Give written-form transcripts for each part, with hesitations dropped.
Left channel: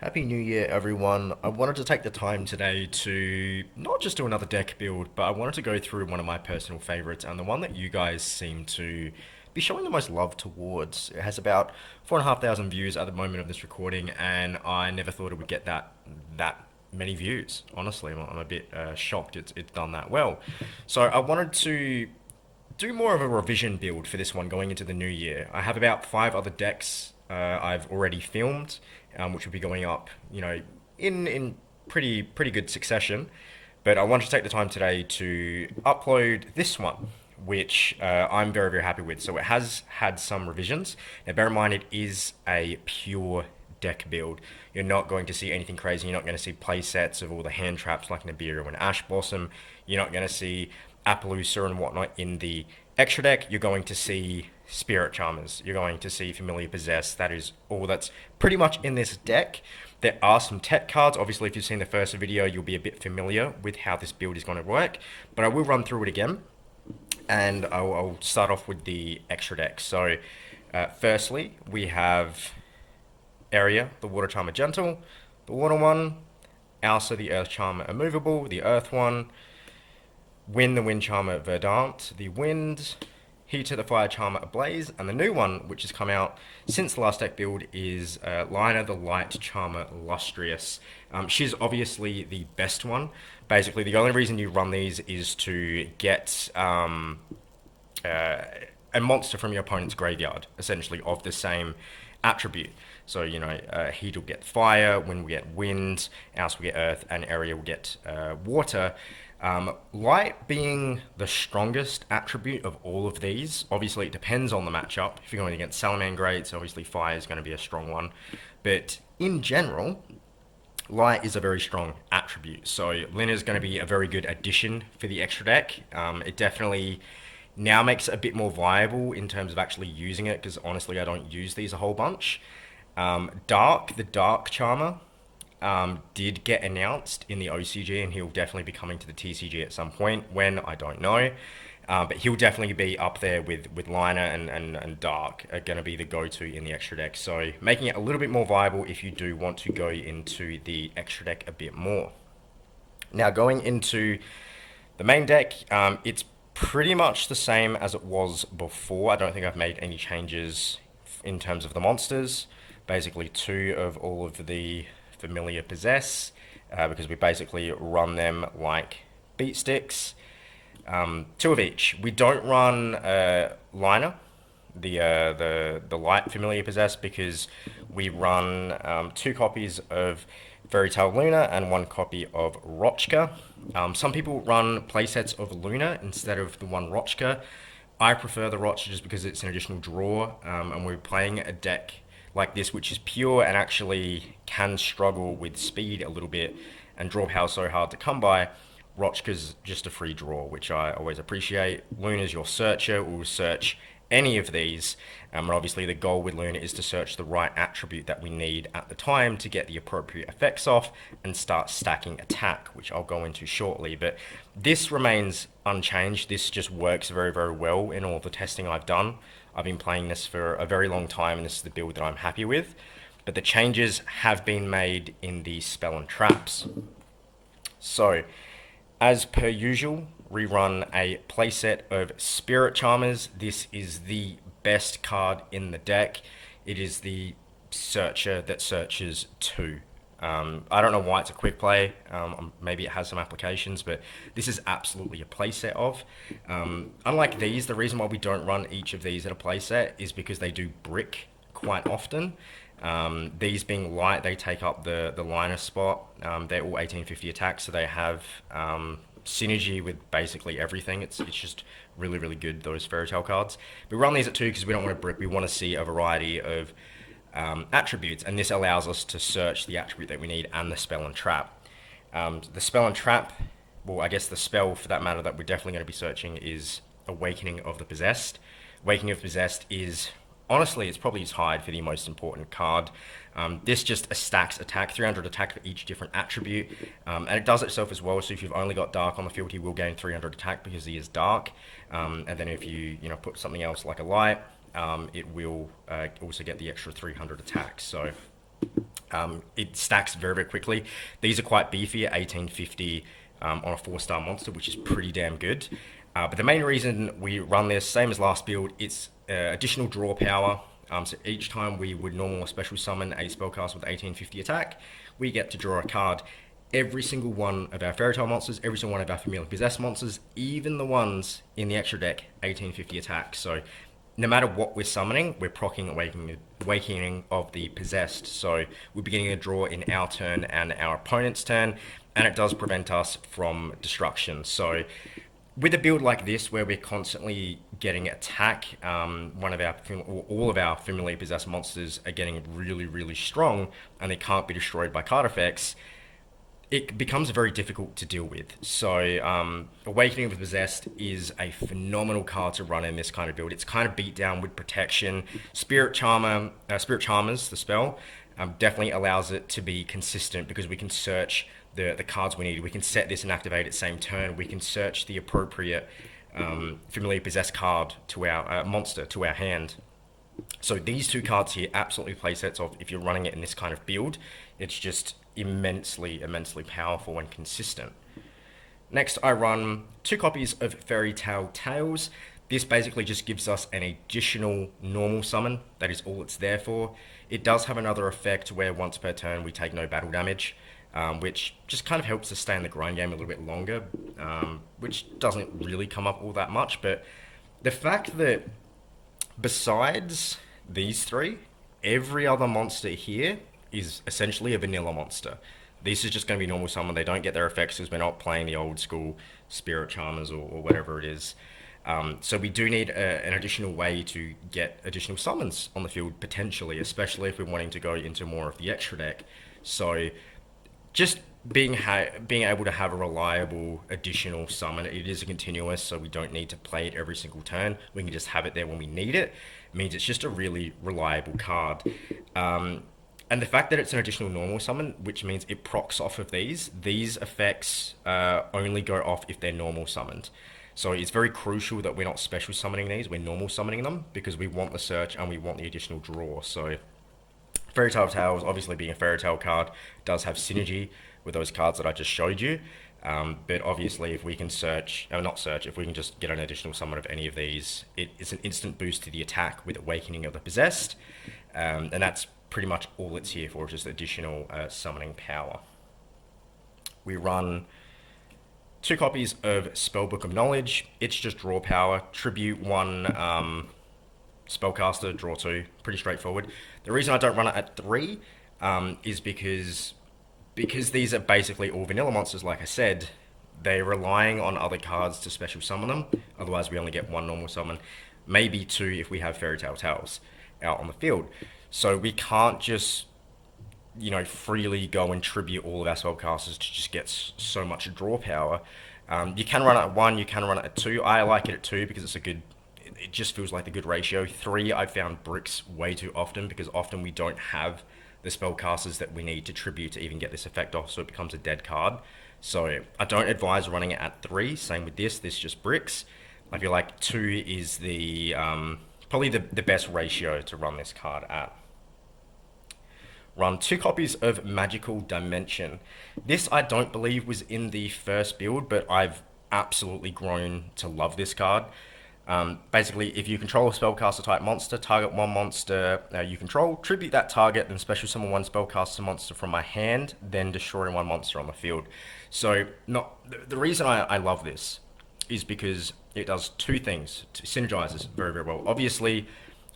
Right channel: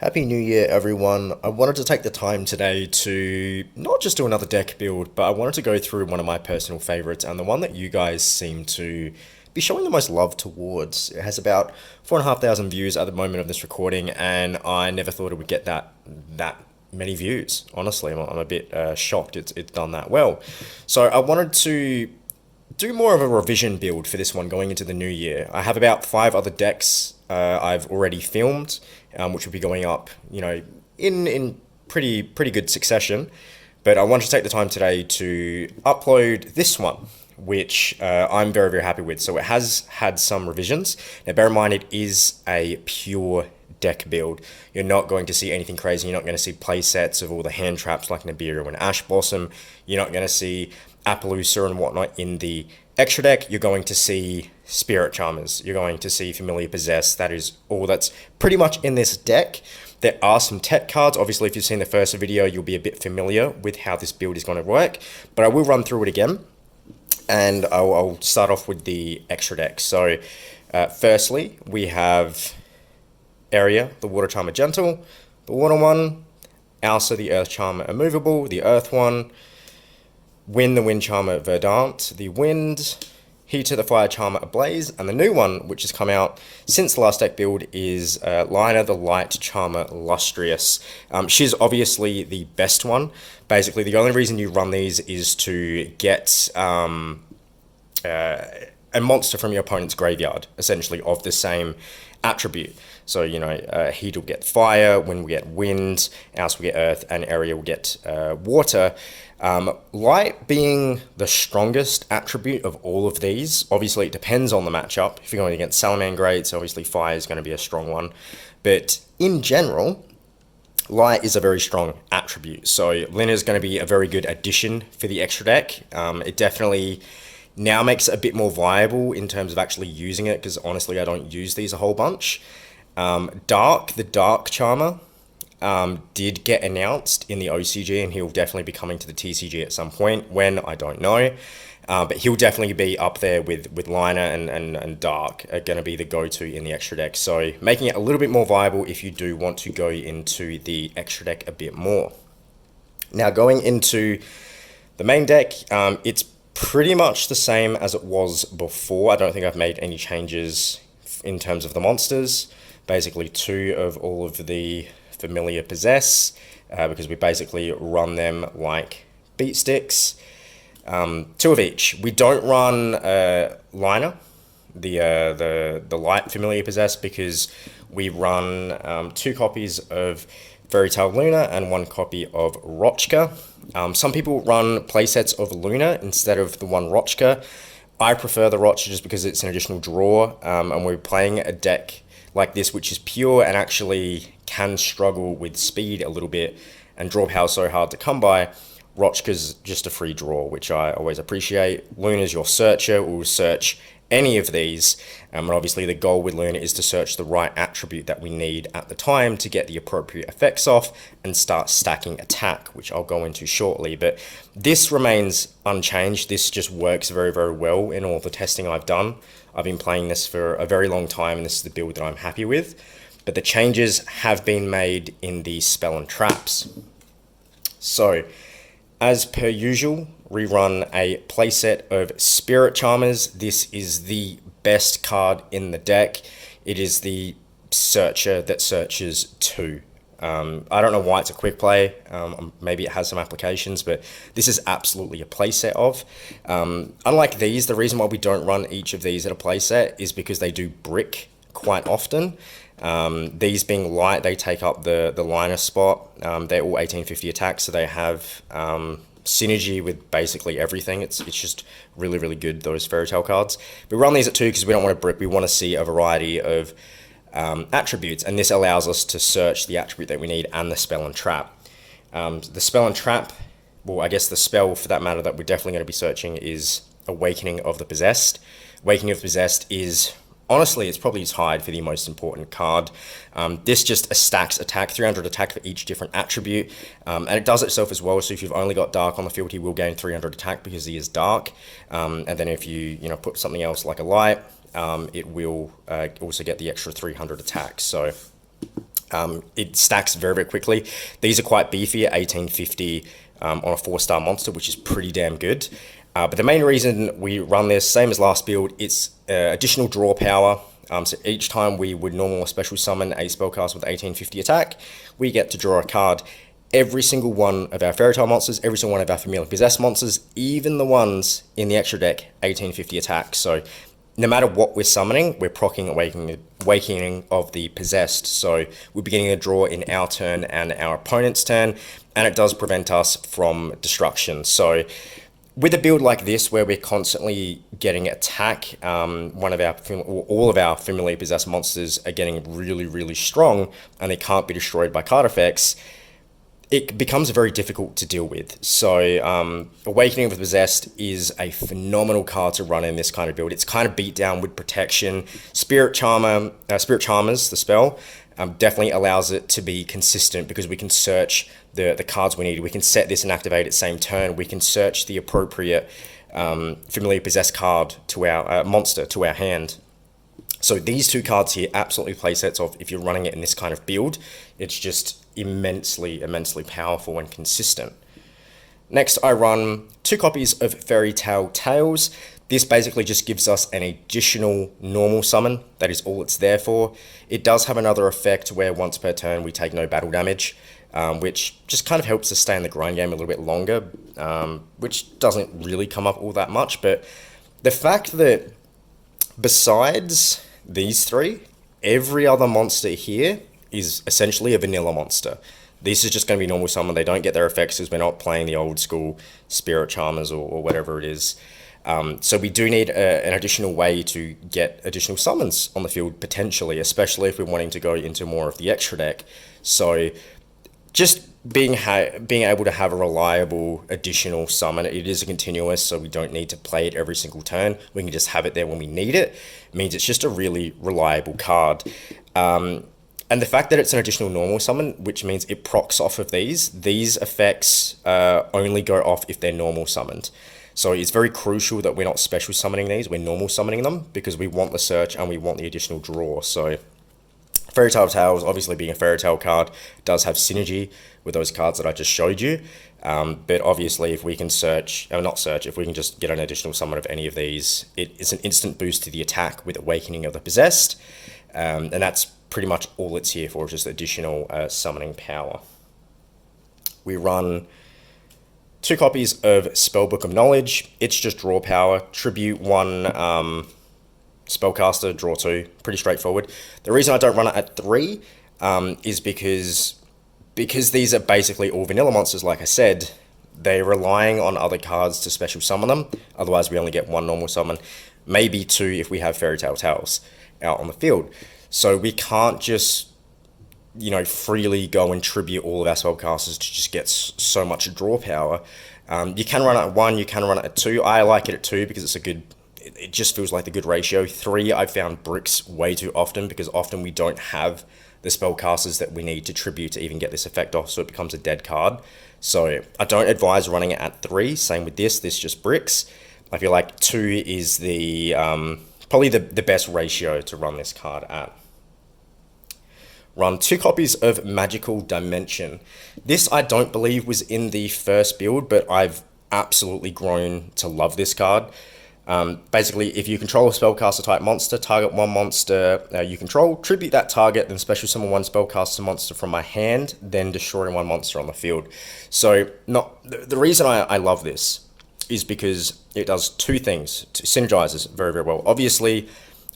Happy New Year, everyone. I wanted to take the time today to not just do another deck build, but I wanted to go through one of my personal favorites and the one that you guys seem to be showing the most love towards. It has about 4,500 views at the moment of this recording, and I never thought it would get that many views. Honestly, I'm a bit shocked it's done that well. So I wanted to do more of a revision build for this one going into the new year. I have about 5 other decks I've already filmed, which will be going up, in pretty good succession. But I wanted to take the time today to upload this one, which I'm very happy with. So it has had some revisions. Now, bear in mind it is a pure deck build. You're not going to see anything crazy. You're not going to see play sets of all the hand traps like Nibiru and Ash Blossom. You're not going to see Appaloosa and whatnot in the extra deck. You're going to see Spirit Charmers. You're going to see Familiar Possess. That is all that's pretty much in this deck. There are some tech cards. Obviously, if you've seen the first video, you'll be a bit familiar with how this build is going to work. But I will run through it again. And I'll start off with the extra deck. So, firstly, we have Area, the Water Charmer Gentle, the Water one, Alsa, the Earth Charmer Immovable, the Earth one, Wind, the Wind Charmer Verdant, the Wind, Heater, the Fire Charmer Ablaze, and the new one, which has come out since the last deck build, is Lina, the Light Charmer Lustrious. She's obviously the best one. Basically, the only reason you run these is to get a monster from your opponent's graveyard, essentially, of the same attribute. So, Heat will get Fire, Wind will get Wind, Else will get Earth, and Area will get Water. Light being the strongest attribute of all of these. Obviously, it depends on the matchup. If you're going against Salamangreats, obviously Fire is going to be a strong one. But in general, Light is a very strong attribute. So Lina is going to be a very good addition for the extra deck. It definitely now makes it a bit more viable in terms of actually using it, because honestly, I don't use these a whole bunch. Dark, the Dark Charmer, did get announced in the OCG, and he'll definitely be coming to the TCG at some point. When, I don't know. But he'll definitely be up there with Lina and Dark are going to be the go-to in the extra deck. So making it a little bit more viable if you do want to go into the extra deck a bit more. Now, going into the main deck, it's pretty much the same as it was before. I don't think I've made any changes in terms of the monsters. Basically, 2 of all of the Familiar Possess, because we basically run them like beat sticks. 2 of each. We don't run Lina, the light Familiar Possess, because we run 2 copies of Fairy Tale Luna and 1 copy of Rochka. Some people run playsets of Luna instead of the one Rochka. I prefer the Rochka just because it's an additional draw, and we're playing a deck like this, which is pure and actually can struggle with speed a little bit, and draw power so hard to come by. Rochka's just a free draw, which I always appreciate. Luna's your searcher, will search any of these, and obviously the goal with Luna is to search the right attribute that we need at the time to get the appropriate effects off and start stacking attack, which I'll go into shortly. But this remains unchanged. This just works very well in all the testing I've done. I've been playing this for a very long time, and this is the build that I'm happy with. But the changes have been made in the spell and traps. So, as per usual, we run a playset of Spirit Charmers. This is the best card in the deck. It is the searcher that searches 2. I don't know why it's a quick play. Maybe it has some applications, but this is absolutely a playset of. Unlike these, the reason why we don't run each of these at a playset is because they do brick quite often. These being light, they take up the liner spot. They're all 1850 attacks, so they have synergy with basically everything. It's just really good, those Fairy Tale cards. We run these at 2 because we don't want to brick. We want to see a variety of attributes, and this allows us to search the attribute that we need and the spell and trap. The spell and trap, well, I guess the spell for that matter that we're definitely going to be searching is Awakening of the Possessed. Awakening of the Possessed is, honestly, it's probably tied for the most important card. This just stacks attack, 300 attack for each different attribute, and it does itself as well. So if you've only got Dark on the field, he will gain 300 attack because he is Dark. And then if you put something else like a Light, it will also get the extra 300 attack. So It stacks very, very quickly. These are quite beefy at 1850 on a 4-star monster, which is pretty damn good. But the main reason we run this, same as last build, it's additional draw power. So each time we would normal or special summon a spellcaster with 1850 attack, we get to draw a card. Every single one of our Fairy Tale monsters, every single one of our Familiar Possessed monsters, even the ones in the extra deck, 1850 attack. So no matter what we're summoning, we're proccing Awakening of the Possessed. So we're beginning a draw in our turn and our opponent's turn, and it does prevent us from destruction. So with a build like this, where we're constantly getting attack, all of our Familiar Possessed monsters are getting really, really strong, and they can't be destroyed by card effects, it becomes very difficult to deal with. So Awakening of the Possessed is a phenomenal card to run in this kind of build. It's kind of beat down with protection. Spirit Charmers, the spell, definitely allows it to be consistent because we can search the cards we need. We can set this and activate it same turn. We can search the appropriate Familiar Possessed card to our monster, to our hand. So these two cards here absolutely play sets of, if you're running it in this kind of build, it's just immensely, immensely powerful and consistent. Next, I run 2 copies of Fairy Tale Tales. This basically just gives us an additional normal summon. That is all it's there for. It does have another effect where once per turn we take no battle damage, which just kind of helps us stay in the grind game a little bit longer, which doesn't really come up all that much. But the fact that besides these 3, every other monster here is essentially a vanilla monster. This is just going to be normal summon. They don't get their effects because we're not playing the old school Spirit Charmers or whatever it is. So we do need an additional way to get additional summons on the field, potentially, especially if we're wanting to go into more of the extra deck. So just being able to have a reliable additional summon, it is a continuous, so we don't need to play it every single turn. We can just have it there when we need it. It means it's just a really reliable card. And the fact that it's an additional normal summon, which means it procs off of these effects only go off if they're normal summoned. So it's very crucial that we're not special summoning these, we're normal summoning them, because we want the search and we want the additional draw. So Fairy Tale Tales, obviously being a Fairy Tale card, does have synergy with those cards that I just showed you. But obviously if we can if we can just get an additional summon of any of these, it's an instant boost to the attack with Awakening of the Possessed. And that's pretty much all it's here for, just additional summoning power. We run 2 copies of Spellbook of Knowledge. It's just draw power. Tribute 1 Spellcaster, draw 2. Pretty straightforward. The reason I don't run it at 3 is because these are basically all vanilla monsters, like I said. They're relying on other cards to special summon them. Otherwise, we only get 1 normal summon. Maybe 2 if we have Fairy Tale Tales out on the field. So we can't just, freely go and tribute all of our spellcasters to just get so much draw power. You can run it at 1, you can run it at 2. I like it at 2 because it just feels like the good ratio. 3, I've found bricks way too often because often we don't have the spellcasters that we need to tribute to even get this effect off, so it becomes a dead card. So I don't advise running it at 3. Same with this just bricks. I feel like 2 is the probably the best ratio to run this card at. Run 2 copies of Magical Dimension. This I don't believe was in the first build, but I've absolutely grown to love this card. Basically, if you control a spellcaster type monster, target 1 monster you control, tribute that target, then special summon 1 spellcaster monster from my hand, then destroy 1 monster on the field. So the reason I love this is because it does 2 things. It synergizes very, very well. Obviously,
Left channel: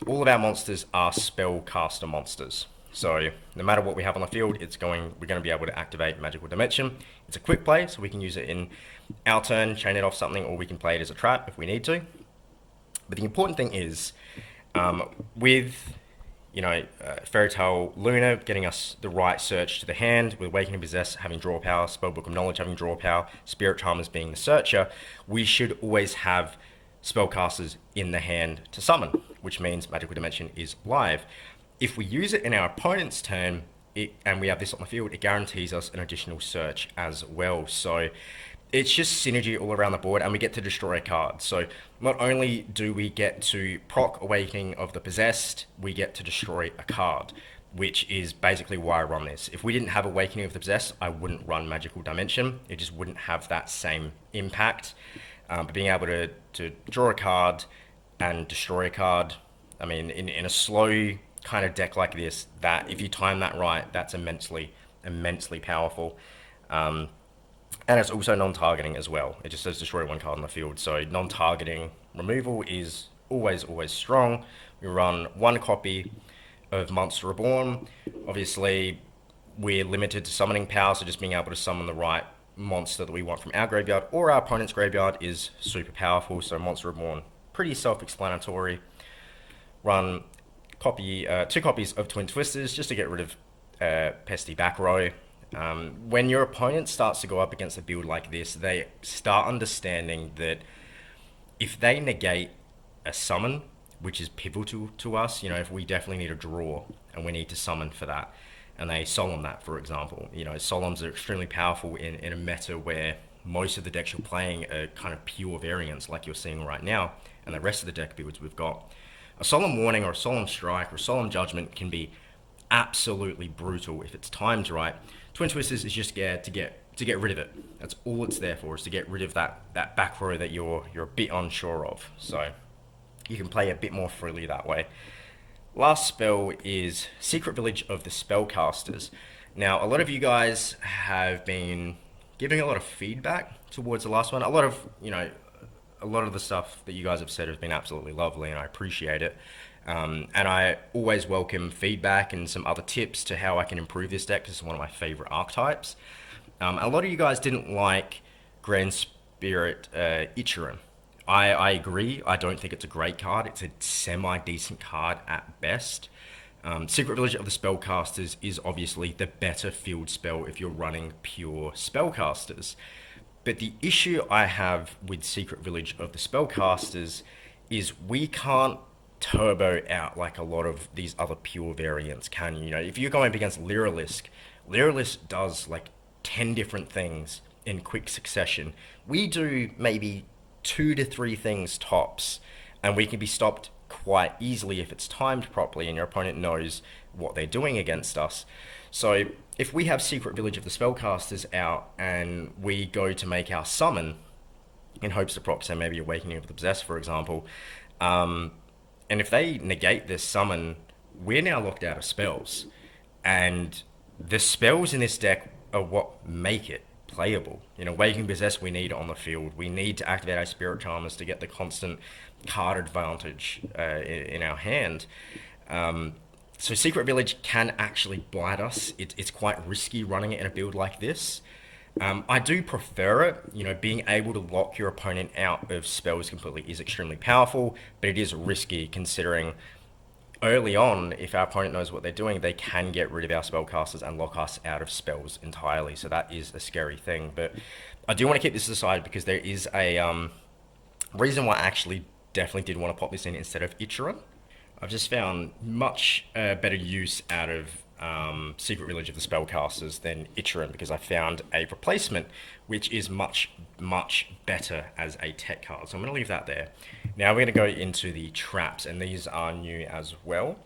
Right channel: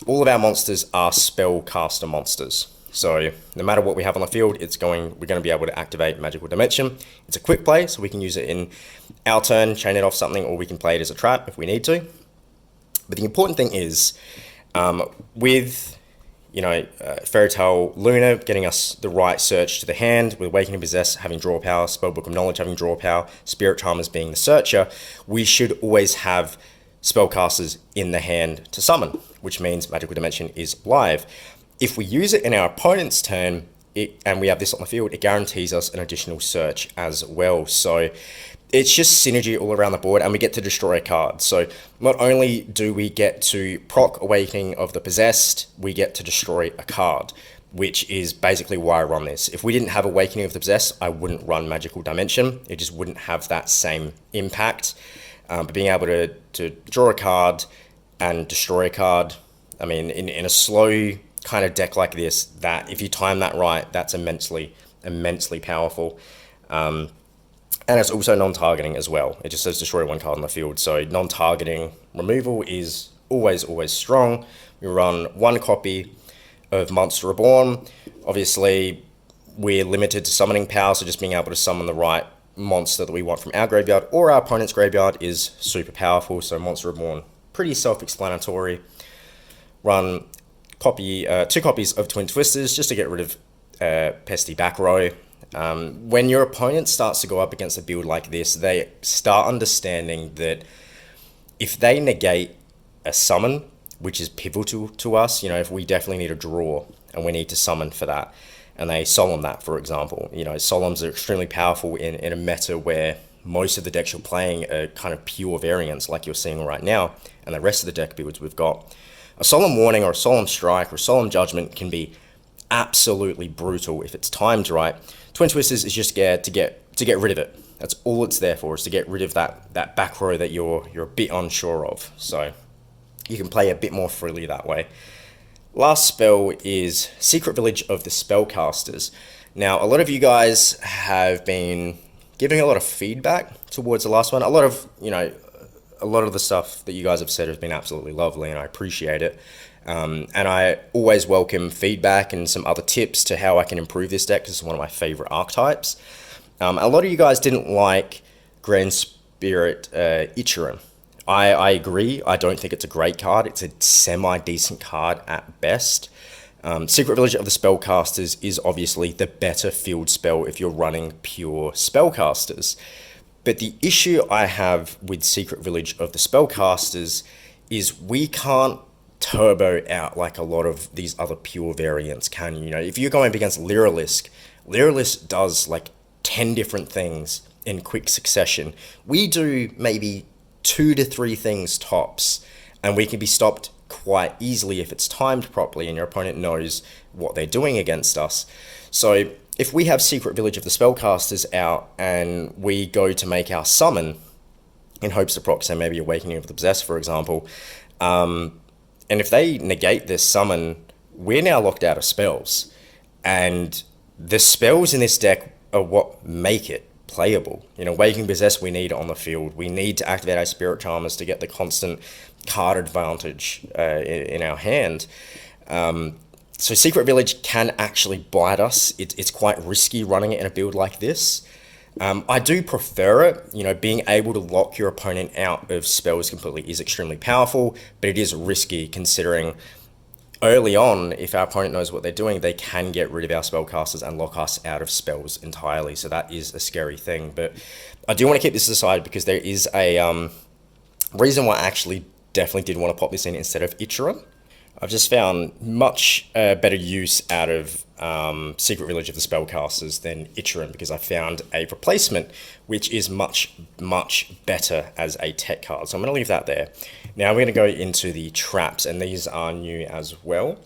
all of our monsters are spellcaster monsters. So no matter what we have on the field, we're going to be able to activate Magical Dimension. It's a quick play, so we can use it in our turn, chain it off something, or we can play it as a trap if we need to. But the important thing is, with Fairy Tale Luna getting us the right search to the hand, with Awakening Possess having draw power, Spellbook of Knowledge having draw power, Spirit Charmers being the searcher, we should always have spellcasters in the hand to summon, which means Magical Dimension is live. If we use it in our opponent's turn, and we have this on the field, it guarantees us an additional search as well. So it's just synergy all around the board, and we get to destroy a card. So not only do we get to proc Awakening of the Possessed, we get to destroy a card. which is basically why I run this. If we didn't have Awakening of the Possessed, I wouldn't run Magical Dimension. It just wouldn't have that same impact. But being able to draw a card and destroy a card, I mean, in a slow kind of deck like this, that if you time that right, that's immensely powerful. And it's also non-targeting as well. It just says destroy one card on the field. So non-targeting removal is always strong. We run one copy of Monster Reborn. Obviously, we're limited to summoning power, so just being able to summon the right monster that we want from our graveyard or our opponent's graveyard is super powerful. So Monster Reborn, pretty self-explanatory. Run two copies of Twin Twisters just to get rid of pesty back row. When your opponent starts to go up against a build like this, they start understanding that if they negate a summon, which is pivotal to us, if we definitely need a draw and we need to summon for that, and they solemn that, for example, solemns are extremely powerful in a meta where most of the decks you're playing are kind of pure variants like you're seeing right now, and the rest of the deck builds we've got. A Solemn Warning or a Solemn Strike or a Solemn Judgment can be absolutely brutal if it's timed right. Twin Twisters is just scared to get rid of it. That's all it's there for, is to get rid of that back row that you're a bit unsure of. So you can play a bit more freely that way. Last spell is Secret Village of the Spellcasters. Now, a lot of you guys have been giving a lot of feedback towards the last one. A lot of the stuff that you guys have said has been absolutely lovely, and I appreciate it. And I always welcome feedback and some other tips to how I can improve this deck, because it's one of my favorite archetypes. A lot of you guys didn't like Grand Spirit Ichiran. I agree. I don't think it's a great card. It's a semi-decent card at best. Secret Village of the Spellcasters is obviously the better field spell if you're running pure Spellcasters. But the issue I have with Secret Village of the Spellcasters is we can't turbo out like a lot of these other pure variants can. If you're going up against Lyrilisk does like 10 different things in quick succession. We do maybe 2 to 3 things tops, and we can be stopped quite easily if it's timed properly and your opponent knows what they're doing against us. So if we have Secret Village of the Spellcasters out and we go to make our summon in hopes to proc, so maybe Awakening of the Possessed, for example, and if they negate this summon, we're now locked out of spells. And the spells in this deck are what make it playable. Awakening Possessed we need on the field. We need to activate our Spirit Charmers to get the constant card advantage in our hand. So Secret Village can actually bite us. It's quite risky running it in a build like this. I do prefer it. Being able to lock your opponent out of spells completely is extremely powerful, but it is risky considering early on, if our opponent knows what they're doing, they can get rid of our spellcasters and lock us out of spells entirely. So that is a scary thing. But I do want to keep this aside because there is a reason why I actually definitely did want to pop this in instead of Ichiran. I've just found much better use out of Secret Village of the Spellcasters than Ichiran, because I found a replacement which is much better as a tech card. So I'm going to leave that there. Now we're going to go into the traps, and these are new as well.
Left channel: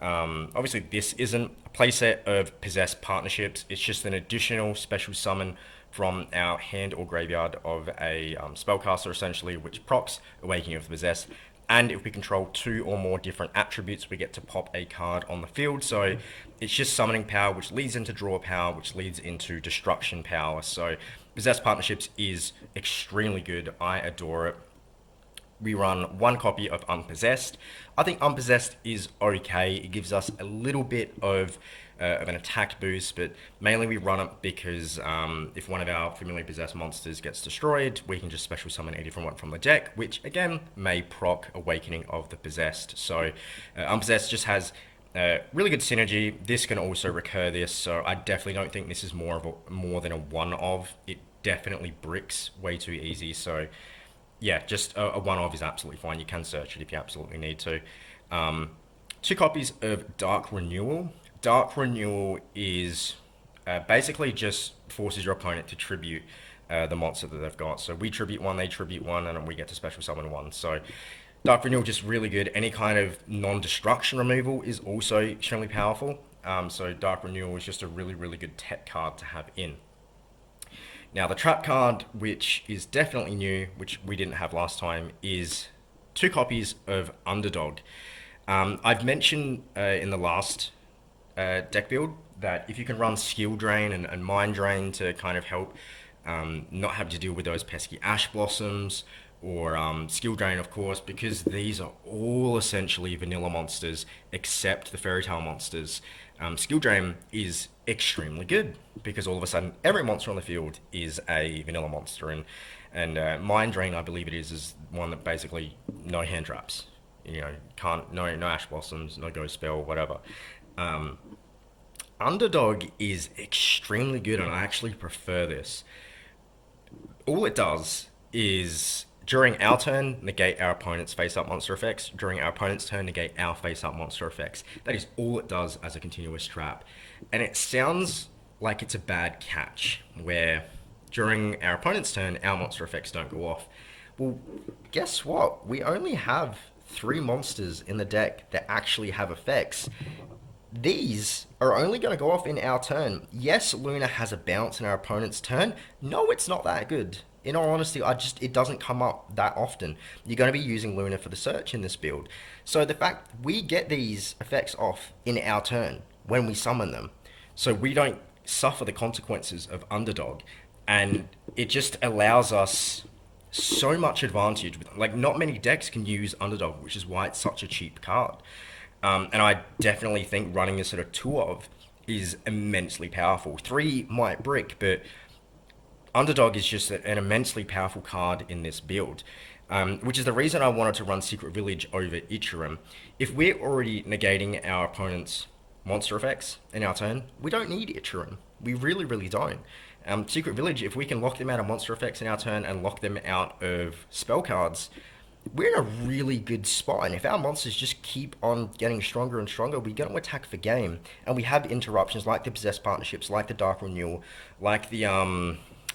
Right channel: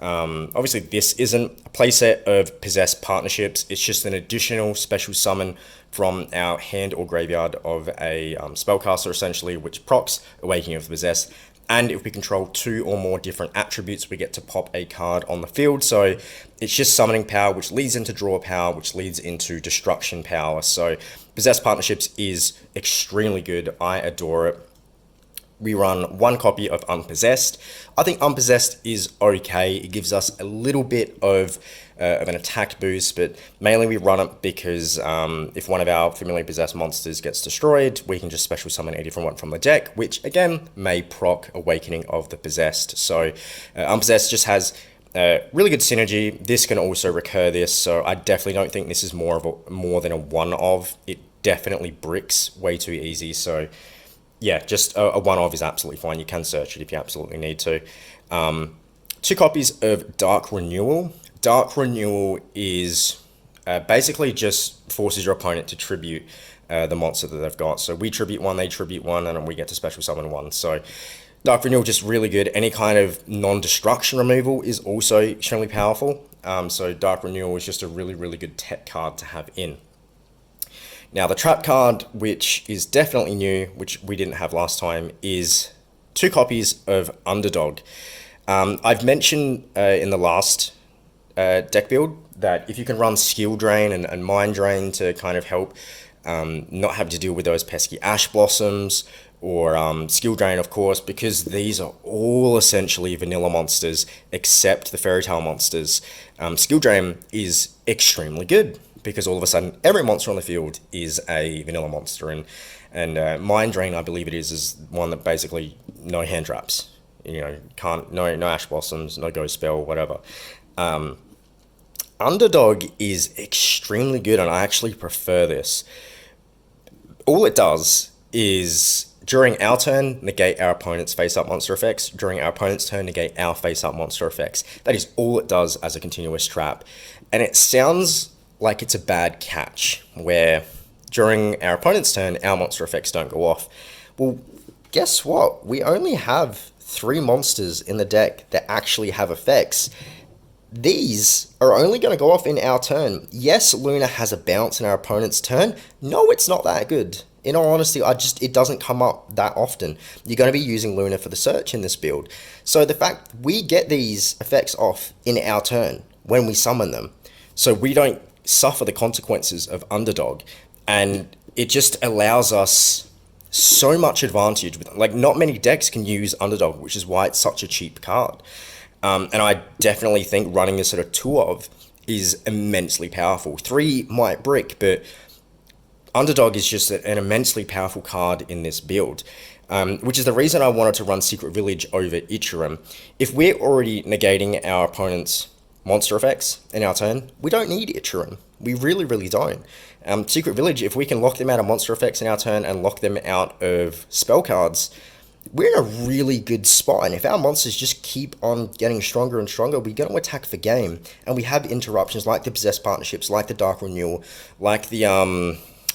Obviously this isn't a playset of Possessed partnerships. It's just an additional special summon from our hand or graveyard of a spellcaster, essentially, which procs Awakening of the Possessed. And if we control 2 or more different attributes, we get to pop a card on the field. So it's just summoning power, which leads into draw power, which leads into destruction power. So Possessed Partnerships is extremely good. I adore it. We run one copy of Unpossessed. I think Unpossessed is okay. It gives us a little bit of an attack boost, but mainly we run it because if one of our familiar possessed monsters gets destroyed, we can just special summon a different one from the deck, which again may proc Awakening of the Possessed. So Unpossessed just has really good synergy. This can also recur this, so I definitely don't think this is more than a one-of. It definitely bricks way too easy, so yeah, just a one-of is absolutely fine. You can search it if you absolutely need to. 2 copies of Dark Renewal. Dark Renewal is basically just forces your opponent to tribute the monster that they've got. So we tribute one, they tribute one, and then we get to special summon one. So Dark Renewal just really good. Any kind of non-destruction removal is also extremely powerful. So Dark Renewal is just a really, really good tech card to have in. Now, the trap card, which is definitely new, which we didn't have last time, is 2 copies of Underdog. I've mentioned in the last deck build that if you can run Skill Drain and Mind Drain to kind of help not have to deal with those pesky Ash Blossoms, or Skill Drain, of course, because these are all essentially vanilla monsters except the Fairy Tale monsters. Skill Drain is extremely good because all of a sudden every monster on the field is a vanilla monster, and Mind Drain, I believe it is one that basically no hand traps. You know, no Ash Blossoms, no Ghost Spell, whatever. Underdog is extremely good, and I actually prefer this. All it does is during our turn, negate our opponent's face-up monster effects. During our opponent's turn, negate our face-up monster effects. That is all it does as a continuous trap. And it sounds like it's a bad catch, where during our opponent's turn, our monster effects don't go off. Well, guess what? We only have 3 monsters in the deck that actually have effects. These are only going to go off in our turn. Yes, Luna has a bounce in our opponent's turn. No, it's not that good. In all honesty, it doesn't come up that often. You're going to be using Luna for the search in this build. So the fact we get these effects off in our turn when we summon them, so we don't suffer the consequences of Underdog, and it just allows us so much advantage. Like, not many decks can use Underdog, which is why it's such a cheap card. And I definitely think running a sort of 2 of is immensely powerful. 3 might brick, but Underdog is just an immensely powerful card in this build, which is the reason I wanted to run Secret Village over Ichiram. If we're already negating our opponent's monster effects in our turn, we don't need Ichiram. We really, really don't. Secret Village, if we can lock them out of monster effects in our turn and lock them out of spell cards, we're in a really good spot. And if our monsters just keep on getting stronger and stronger, we're going to attack for game. And we have interruptions like the Possessed Partnerships, like the Dark Renewal, like the,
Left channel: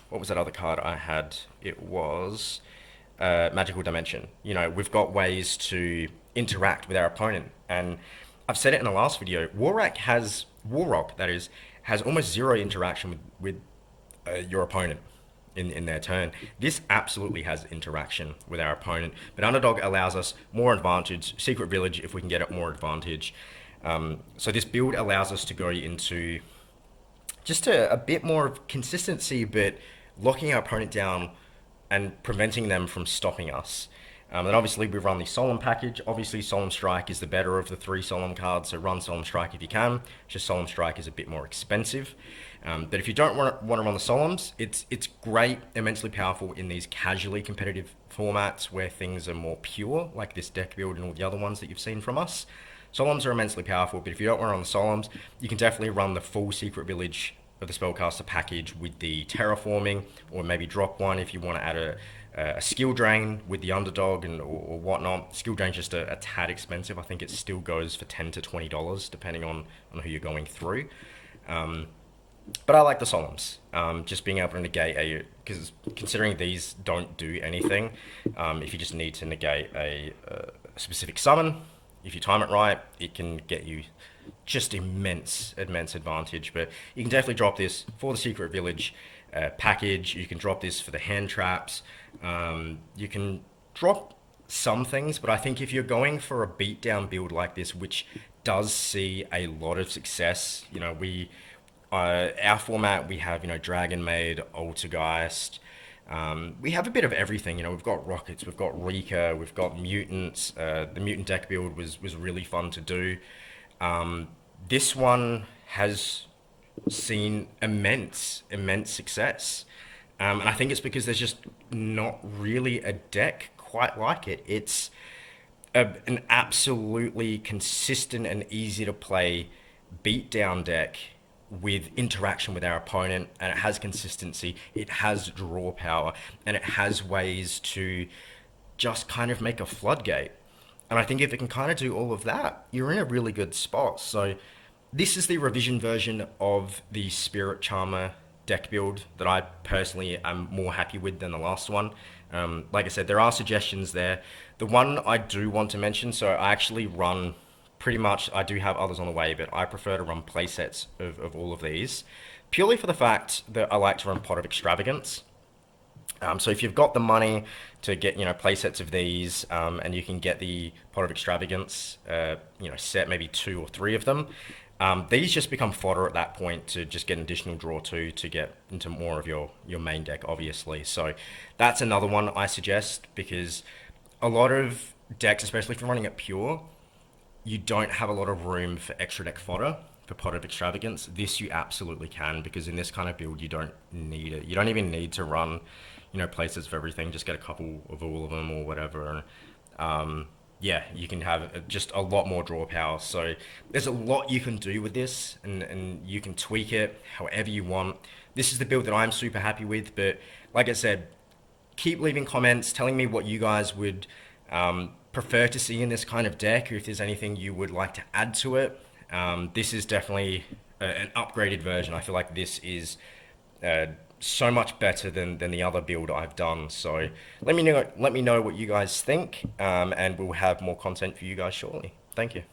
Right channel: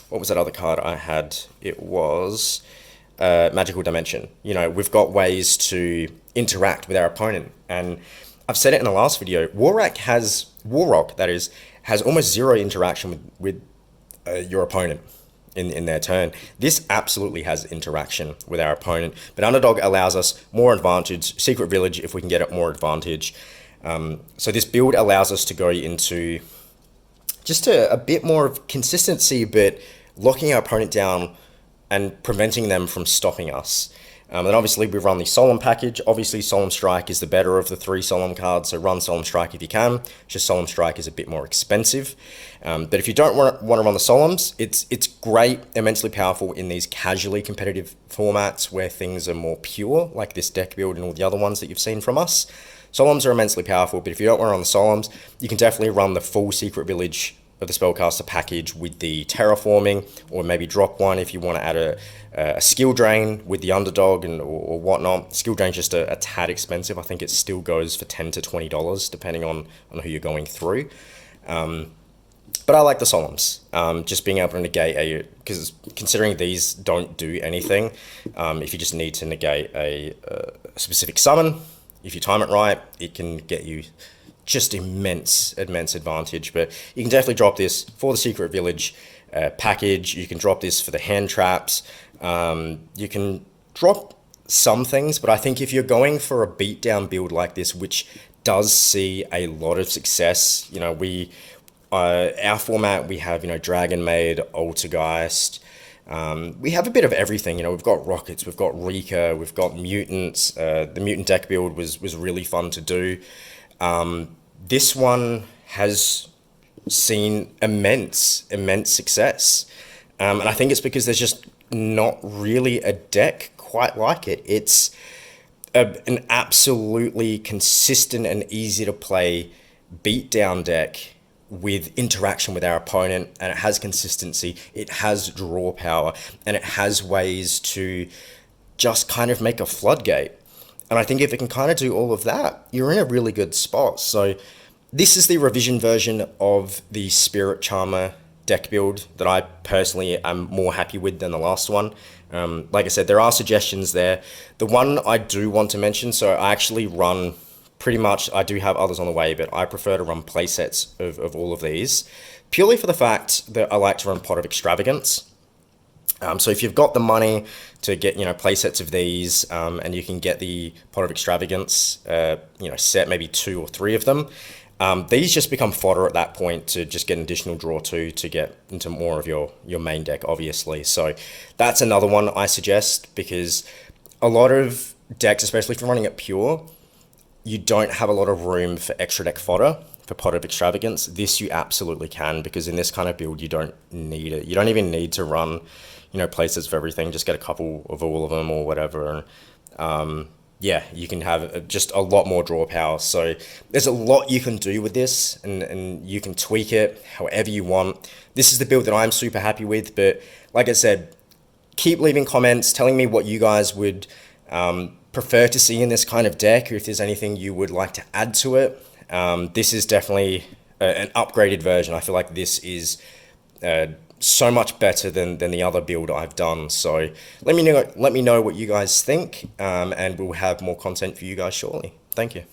what was that other card I had? It was Magical Dimension. You know, we've got ways to interact with our opponent. And I've said it in the last video, Warrock has almost 0 interaction with your opponent in their turn. This absolutely has interaction with our opponent, but Underdog allows us more advantage. Secret Village, if we can get it, more advantage. So this build allows us to go into just a bit more of consistency, but locking our opponent down and preventing them from stopping us. And obviously we run the Solemn package. Obviously Solemn Strike is the better of the 3 Solemn cards, so run Solemn Strike if you can. Just Solemn Strike is a bit more expensive. But if you don't want to run the Solemns, it's great, immensely powerful in these casually competitive formats where things are more pure, like this deck build and all the other ones that you've seen from us. Solemns are immensely powerful, but if you don't want to run the Solemns, you can definitely run the full Secret Village of the Spellcaster package with the Terraforming, or maybe drop one if you want to add a Skill Drain with the Underdog or whatnot. Skill Drain's just a tad expensive. I think it still goes for $10 to $20 depending on who you're going through. But I like the Solemns, just being able to negate because considering these don't do anything, if you just need to negate a specific summon, if you time it right, it can get you just immense advantage. But you can definitely drop this for the Secret Village package. You can drop this for the hand traps. You can drop some things, but I think if you're going for a beatdown build like this, which does see a lot of success, you know, our format, we have, you know, Dragon Maid, Altergeist. We have a bit of everything. You know, we've got Rockets, we've got Rika, we've got Mutants. The Mutant deck build was really fun to do. This one has seen immense success. And I think it's because there's just not really a deck quite like it. It's an absolutely consistent and easy to play beatdown deck with interaction with our opponent, and it has consistency, it has draw power, and it has ways to just kind of make a floodgate. And I think if it can kind of do all of that, you're in a really good spot. So this is the revision version of the Spirit Charmer deck build that I personally am more happy with than the last one. Like I said, there are suggestions there. The one I do want to mention, so I actually run pretty much, I do have others on the way, but I prefer to run playsets of all of these, purely for the fact that I like to run Pot of Extravagance. So if you've got the money to get, play sets of these, and you can get the Pot of Extravagance, set maybe 2 or 3 of them, these just become fodder at that point to just get an additional draw to get into more of your main deck, obviously. So that's another one I suggest, because a lot of decks, especially if you're running it pure, you don't have a lot of room for extra deck fodder for Pot of Extravagance. This you absolutely can, because in this kind of build, you don't need it. You don't even need to run, places for everything. Just get a couple of all of them or whatever. And yeah, you can have just a lot more draw power. So there's a lot you can do with this, and you can tweak it however you want. This is the build that I'm super happy with, but like I said, keep leaving comments telling me what you guys would prefer to see in this kind of deck, or if there's anything you would like to add to it. This is definitely an upgraded version. I feel like this is so much better than the other build I've done. So let me know what you guys think, and we'll have more content for you guys shortly. Thank you.